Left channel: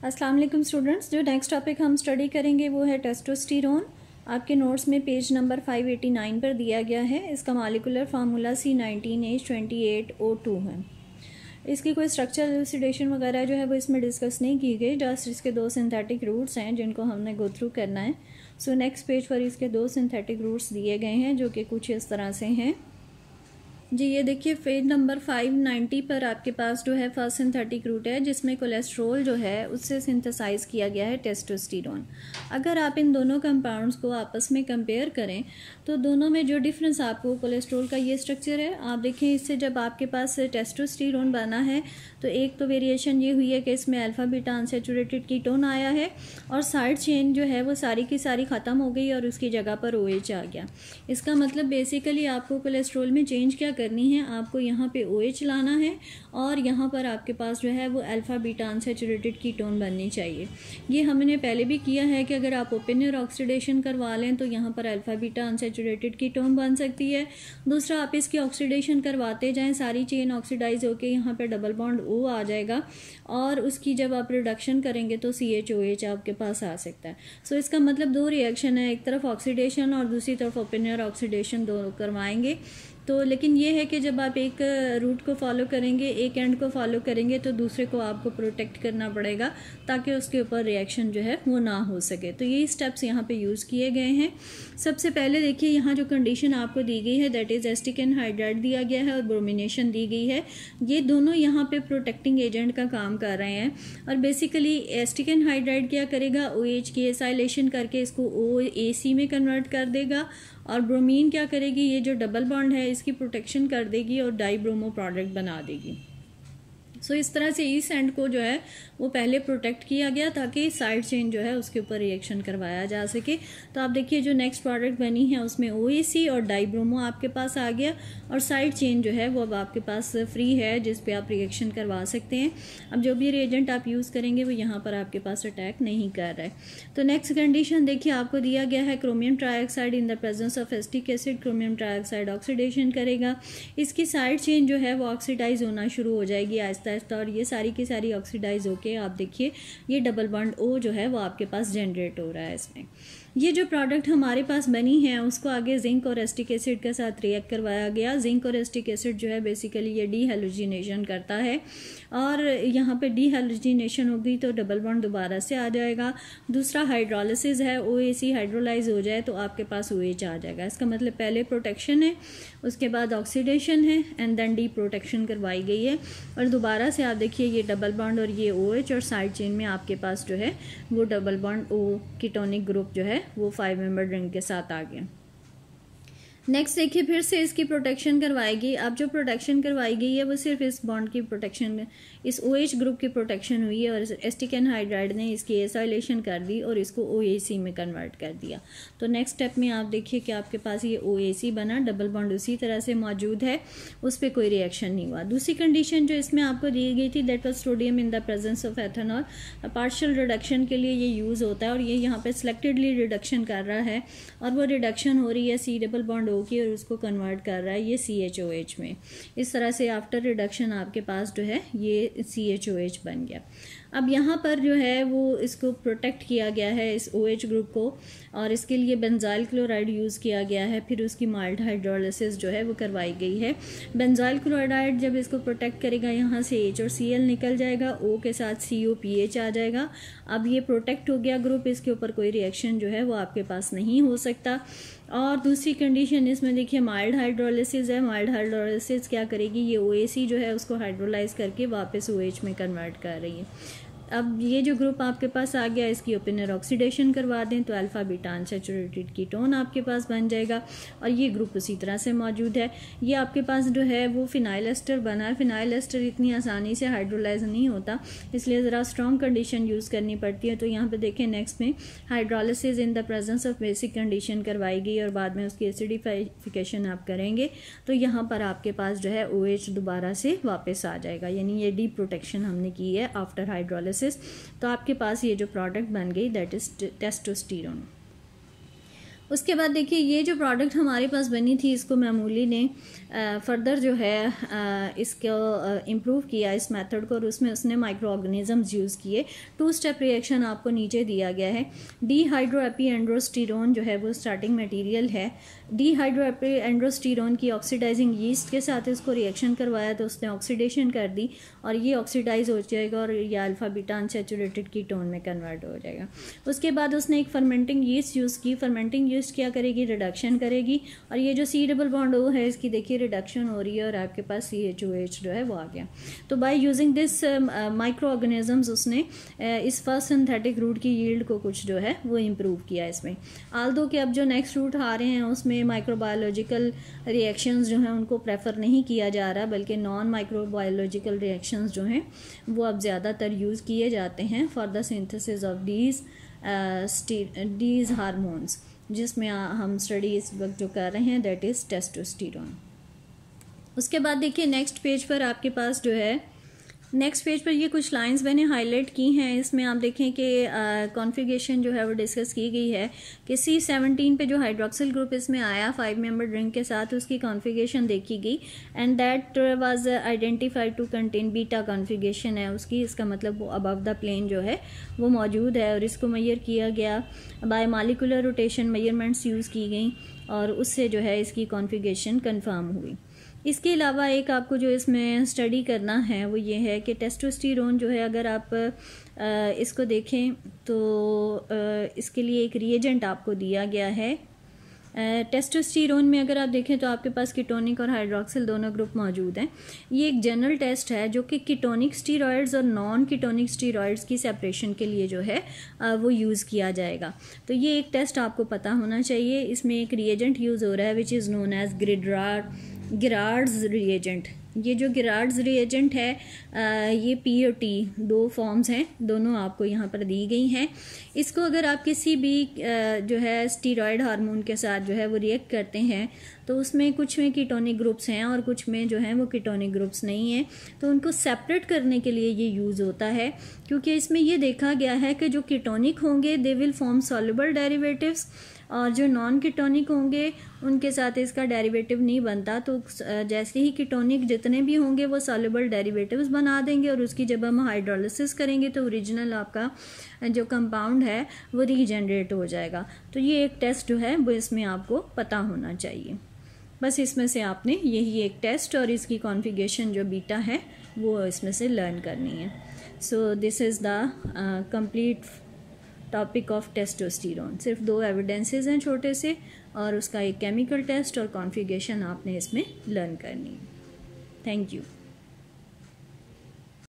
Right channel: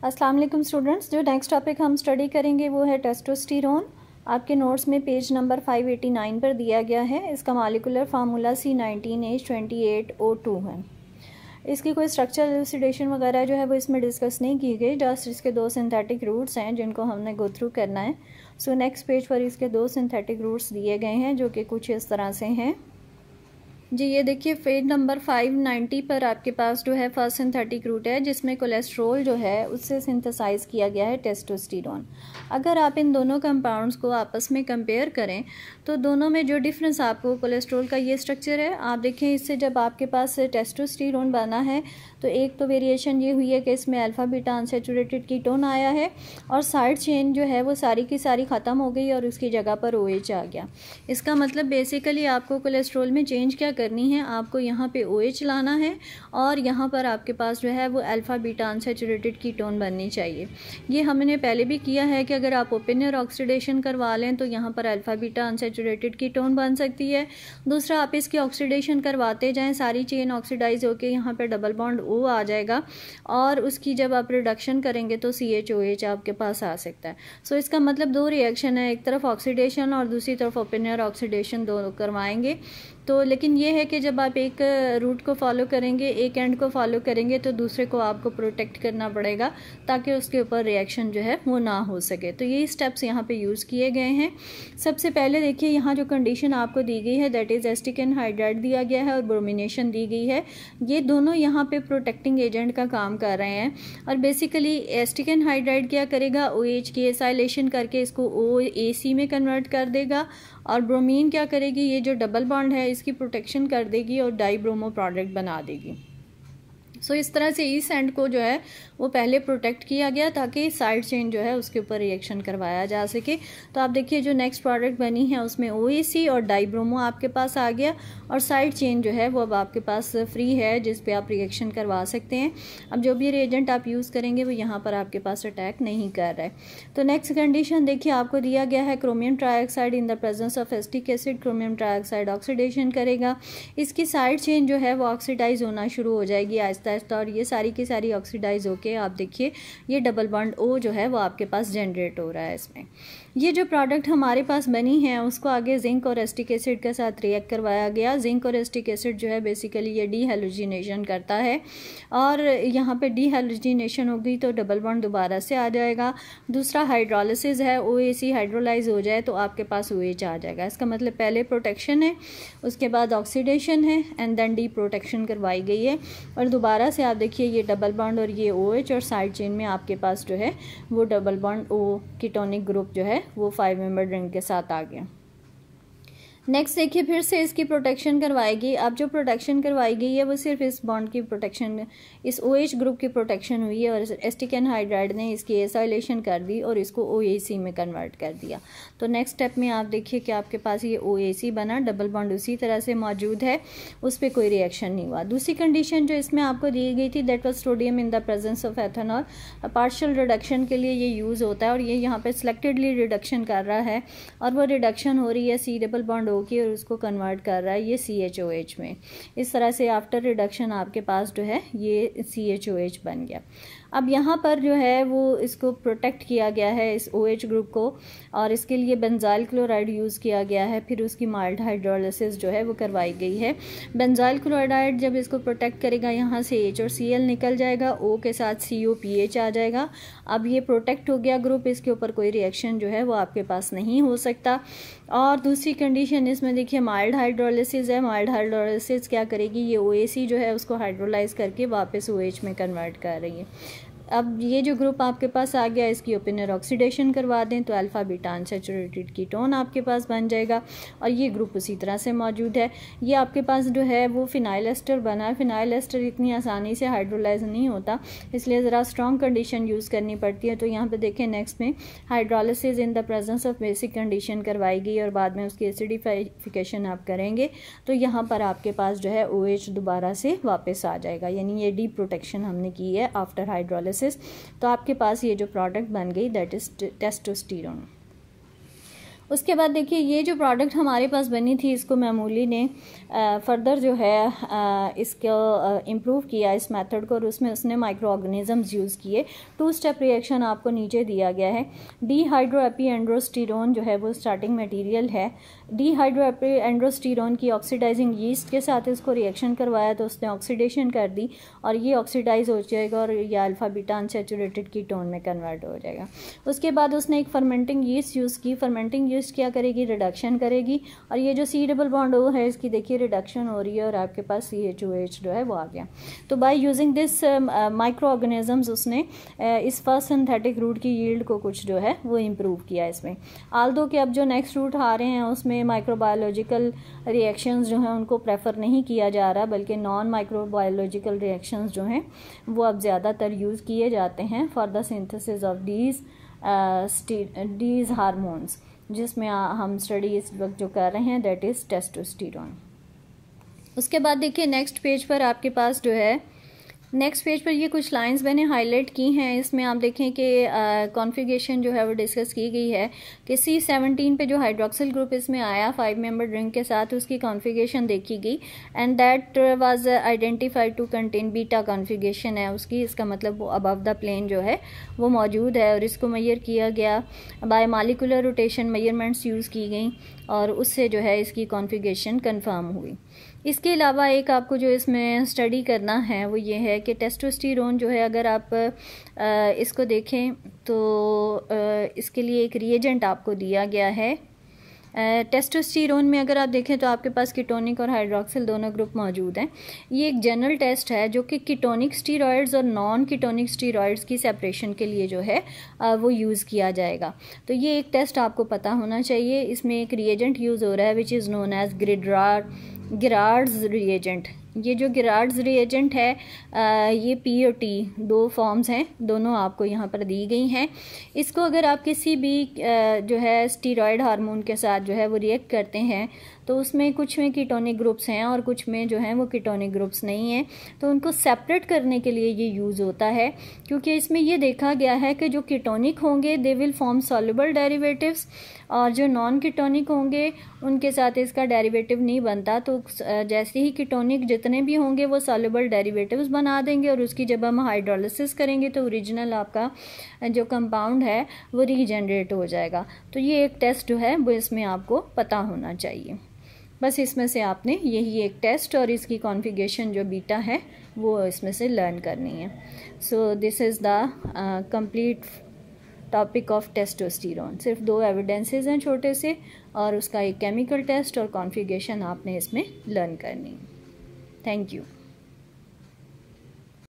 अस्सलाम वालेकुम स्टूडेंट्स। जो नेक्स्ट टॉपिक हम स्टडी करेंगे वो है टेस्टोस्टेरोन। आपके नोट्स में पेज नंबर 589 पर दिया गया है। इसका मॉलिक्यूलर फार्मूला C19H28O2 है। इसकी कोई स्ट्रक्चरल एलुसिडेशन वगैरह जो है वो इसमें डिस्कस नहीं की गई, जस्ट इसके दो सिंथेटिक रूट्स हैं जिनको हमने गो थ्रू करना है। सो नेक्स्ट पेज पर इसके दो सिंथेटिक रूट्स दिए गए हैं जो कि कुछ इस तरह से हैं जी। ये देखिए पेज नंबर 590 पर आपके पास जो है फर्स्ट सिंथेटिक रूट है जिसमें कोलेस्ट्रॉल जो है उससे सिंथेसाइज किया गया है टेस्टोस्टेरोन। अगर आप इन दोनों कंपाउंड्स को आपस में कंपेयर करें तो दोनों में जो डिफरेंस आपको कोलेस्ट्रॉल का ये स्ट्रक्चर है, आप देखें इससे जब आपके पास टेस्टोस्टेरोन बना है तो एक तो वेरिएशन ये हुई है कि इसमें अल्फा बीटा अनसैचुरेटेड कीटोन आया है और साइड चेन जो है वो सारी की सारी ख़त्म हो गई और उसकी जगह पर OH आ गया। इसका मतलब बेसिकली आपको कोलेस्ट्रॉल में चेंज क्या करनी है, आपको यहाँ पे OH लाना है और यहाँ पर आपके पास जो है वो अल्फा बीटा अनसैचुरेटेड कीटोन बननी चाहिए। ये हमने पहले भी किया है कि अगर आप ओपन एयर ऑक्सीडेशन करवा लें तो यहाँ पर अल्फा बीटा अनसैचुरेटेड कीटोन बन सकती है। दूसरा, आप इसकी ऑक्सीडेशन करवाते जाएं, सारी चेन ऑक्सीडाइज होकर यहाँ पर डबल बॉन्ड O आ जाएगा और उसकी जब आप रिडक्शन करेंगे तो CHOH आपके पास आ सकता है। सो इसका मतलब दो रिएक्शन है, एक तरफ ऑक्सीडेशन और दूसरी तरफ ओपन एयर ऑक्सीडेशन दोनों करवाएंगे। तो लेकिन ये है कि जब आप एक रूट को फॉलो करेंगे, एक एंड को फॉलो करेंगे तो दूसरे को आपको प्रोटेक्ट करना पड़ेगा ताकि उसके ऊपर रिएक्शन जो है वो ना हो सके। तो यही स्टेप्स यहाँ पे यूज़ किए गए हैं। सबसे पहले देखिए यहाँ जो कंडीशन आपको दी गई है दैट इज़ एसिटिक एनहाइड्राइड दिया गया है और ब्रोमिनेशन दी गई है। ये दोनों यहाँ पे प्रोटेक्टिंग एजेंट का काम कर रहे हैं और बेसिकली एसिटिक एनहाइड्राइड क्या करेगा, OH की एसाइलेशन करके इसको OAC में कन्वर्ट कर देगा और ब्रोमीन क्या करेगी, ये जो डबल बॉन्ड है इसकी प्रोटेक्शन कर देगी और डाई ब्रोमो प्रोडक्ट बना देगी। सो इस तरह से इस एंड को जो है वो पहले प्रोटेक्ट किया गया ताकि साइड चेन जो है उसके ऊपर रिएक्शन करवाया जा सके। तो आप देखिए जो नेक्स्ट प्रोडक्ट बनी है उसमें OAC और डाइब्रोमो आपके पास आ गया और साइड चेन जो है वो अब आपके पास फ्री है जिस पे आप रिएक्शन करवा सकते हैं। अब जो भी रिएजेंट आप यूज़ करेंगे वो यहाँ पर आपके पास अटैक नहीं कर रहा है। तो नेक्स्ट कंडीशन देखिए आपको दिया गया है chromium trioxide in the presence of acetic acid chromium trioxide oxidation करेगा। इसकी साइड चेन जो है वो ऑक्सीडाइज होना शुरू हो जाएगी आहिस्ता आहिस्ता और ये सारी की सारी ऑक्सीडाइज होके आप देखिए ये डबल बॉन्ड O जो है वो आपके पास जनरेट हो रहा है। इसमें ये जो प्रोडक्ट हमारे पास बनी है उसको आगे जिंक और एसिटिक एसिड के साथ रिएक्ट करवाया गया। जिंक और एसिटिक एसिड जो है बेसिकली ये डीहैलोजिनेशन करता है और यहाँ पे डीहैलोजिनेशन होगी तो डबल बॉन्ड दोबारा से आ जाएगा। दूसरा हाइड्रोलिसिस है, OAC हाइड्रोलाइज हो जाए तो आपके पास OH आ जाएगा। इसका मतलब पहले प्रोटेक्शन है, उसके बाद ऑक्सीडेशन है एंड देन डी प्रोटेक्शन करवाई गई है और दोबारा से आप देखिए ये डबल बॉन्ड और ये OH और साइड चेन में आपके पास जो है वो double bond O ketonic group जो है वो 5 मेंबर रिंग के साथ आ गया। नेक्स्ट देखिए फिर से इसकी प्रोटेक्शन करवाएगी। अब जो प्रोटेक्शन करवाई गई है वो सिर्फ इस बॉन्ड की प्रोटेक्शन, इस OH ग्रुप की प्रोटेक्शन हुई है और एसिटिक एनहाइड्राइड ने इसकी एसाइलेशन कर दी और इसको OAC में कन्वर्ट कर दिया। तो नेक्स्ट स्टेप में आप देखिए कि आपके पास ये OAC बना, डबल बॉन्ड उसी तरह से मौजूद है, उस पर कोई रिएक्शन नहीं हुआ। दूसरी कंडीशन जो इसमें आपको दी गई थी that was sodium in the presence of ethanol. Partial reduction के लिए ये यूज़ होता है और ये यहाँ पे सिलेक्टेडली रिडक्शन कर रहा है और वो रिडक्शन हो रही है C डबल बॉन्ड O की और उसको कन्वर्ट कर रहा है ये CHOH में। इस तरह से आफ्टर रिडक्शन आपके पास जो है ये CHOH बन गया। अब यहाँ पर जो है वो इसको प्रोटेक्ट किया गया है इस OH ग्रुप को और इसके लिए बेंजाइल क्लोराइड यूज़ किया गया है। फिर उसकी माइल्ड हाइड्रोलिसिस जो है वो करवाई गई है। बेंजाइल क्लोराइड जब इसको प्रोटेक्ट करेगा यहाँ से H और Cl निकल जाएगा, O के साथ COPH आ जाएगा। अब ये प्रोटेक्ट हो गया ग्रुप, इसके ऊपर कोई रिएक्शन जो है वो आपके पास नहीं हो सकता। और दूसरी कंडीशन इसमें देखिए माइल्ड हाइड्रोलिसिस है। माइल्ड हाइड्रोलिसिस क्या करेगी, ये OAC जो है उसको हाइड्रोलाइज करके वापस OH में कन्वर्ट कर रही है। अब ये जो ग्रुप आपके पास आ गया इसकी ओपन एयर ऑक्सीडेशन करवा दें तो अल्फा बीटा अनसैचुरेटेड कीटोन आपके पास बन जाएगा और ये ग्रुप उसी तरह से मौजूद है। ये आपके पास जो है वो फिनाइल एस्टर बना है। फिनाइल एस्टर इतनी आसानी से हाइड्रोलाइज नहीं होता, इसलिए ज़रा स्ट्रॉन्ग कंडीशन यूज़ करनी पड़ती है। तो यहाँ पे देखें नेक्स्ट में hydrolysis in the presence of basic condition करवाई गई और बाद में उसकी एसिडिफिकेशन आप करेंगे तो यहाँ पर आपके पास जो है OH दोबारा से वापस आ जाएगा, यानी ये डी प्रोटेक्शन हमने की है आफ्टर हाइड्रोलिसिस। तो आपके पास ये जो प्रोडक्ट बन गई दैट इज टेस्टोस्टेरोन। उसके बाद देखिए ये जो प्रोडक्ट हमारे पास बनी थी इसको मैमूली ने फर्दर जो है इसको इम्प्रूव किया इस मेथड को, और उसमें उसने माइक्रो ऑर्गेनिजम्स यूज़ किए। 2 स्टेप रिएक्शन आपको नीचे दिया गया है। डिहाइड्रोएपीएंड्रोस्टीरोन जो है वो स्टार्टिंग मटेरियल है। डिहाइड्रोएपीएंड्रोस्टीरोन की ऑक्सीडाइजिंग यीस्ट के साथ इसको रिएक्शन करवाया तो उसने ऑक्सीडेशन कर दी और ये ऑक्सीडाइज हो जाएगा और ये अल्फा बीटा अनसैचुरेटेड कीटोन में कन्वर्ट हो जाएगा। उसके बाद उसने एक फर्मेंटिंग यीस्ट यूज़ की। फर्मेंटिंग यीस्ट क्या करेगी, रिडक्शन करेगी, और ये जो सी डबल बॉन्ड ओ है इसकी देखिए रिडक्शन हो रही है और आपके पास CH2H जो है वो आ गया। तो by using this micro organisms उसने इस फर्स्ट सिंथेटिक रूट की यील्ड को कुछ जो है वो इम्प्रूव किया इसमें। आल्दो कि अब जो नेक्स्ट रूट आ रहे हैं उसमें माइक्रोबायोलॉजिकल रिएक्शंस जो हैं उनको प्रेफर नहीं किया जा रहा, बल्कि नॉन माइक्रोबायोलॉजिकल रिएक्शंस जो हैं वो अब ज़्यादातर यूज़ किए जाते हैं for the synthesis of these hormones, जिसमें हम स्टडी इस वक्त जो कर रहे हैं दैट इज़ टेस्टोस्टेरोन। उसके बाद देखिए नेक्स्ट पेज पर आपके पास जो है, नेक्स्ट पेज पर ये कुछ लाइंस मैंने हाईलाइट की हैं। इसमें आप देखें कि कॉन्फ़िगरेशन जो है वो डिस्कस की गई है कि C17 पे जो हाइड्रोक्सिल ग्रुप इसमें आया 5 मेंबर रिंग के साथ, उसकी कॉन्फ़िगरेशन देखी गई and that was identified to contain beta configuration है उसकी। इसका मतलब वो अबव द प्लेन जो है वो मौजूद है और इसको मेजर किया गया bye molecular rotation measurements use की गई और उससे जो है इसकी कॉन्फ़िगरेशन कंफर्म हुई। इसके अलावा एक आपको जो इसमें स्टडी करना है वो ये है कि टेस्टोस्टेरोन जो है अगर आप इसको देखें तो इसके लिए एक रिएजेंट आपको दिया गया है। टेस्टोस्टेरोन में अगर आप देखें तो आपके पास कीटोनिक और हाइड्रोक्सिल दोनों ग्रुप मौजूद हैं। ये एक जनरल टेस्ट है जो कि कीटोनिक स्टीरॉयड्स और नॉन कीटोनिक स्टीरॉयड्स की सेपरेशन के लिए जो है वो यूज़ किया जाएगा। तो ये एक टेस्ट आपको पता होना चाहिए। इसमें एक रिएजेंट यूज़ हो रहा है which is known as Girard's reagent. ये जो गिरार्ड्स रिएजेंट है ये P और T 2 फॉर्म्स हैं, दोनों आपको यहाँ पर दी गई हैं। इसको अगर आप किसी भी जो है स्टीरॉयड हार्मोन के साथ जो है वो रिएक्ट करते हैं तो उसमें कुछ में कीटोनिक ग्रुप्स हैं और कुछ में जो हैं वो कीटोनिक ग्रुप्स नहीं हैं, तो उनको सेपरेट करने के लिए ये यूज़ होता है। क्योंकि इसमें ये देखा गया है कि जो कीटोनिक होंगे they will form soluble derivatives और जो नॉन कीटोनिक होंगे उनके साथ इसका डेरिवेटिव नहीं बनता। तो जैसे ही कीटोनिक जितने भी होंगे वो सॉल्युबल डेरिवेटिव्स बना देंगे और उसकी जब हम हाइड्रोलिसिस करेंगे तो ओरिजिनल आपका जो कंपाउंड है वो रीजनरेट हो जाएगा। तो ये एक टेस्ट जो है वो इसमें आपको पता होना चाहिए। बस इसमें से आपने यही एक टेस्ट और इसकी कॉन्फ़िगरेशन जो बीटा है वो इसमें से लर्न करनी है। So this is the complete topic of testosterone. सिर्फ 2 एविडेंसेस हैं छोटे से और उसका एक केमिकल टेस्ट और कॉन्फ़िगरेशन आपने इसमें लर्न करनी है। Thank you.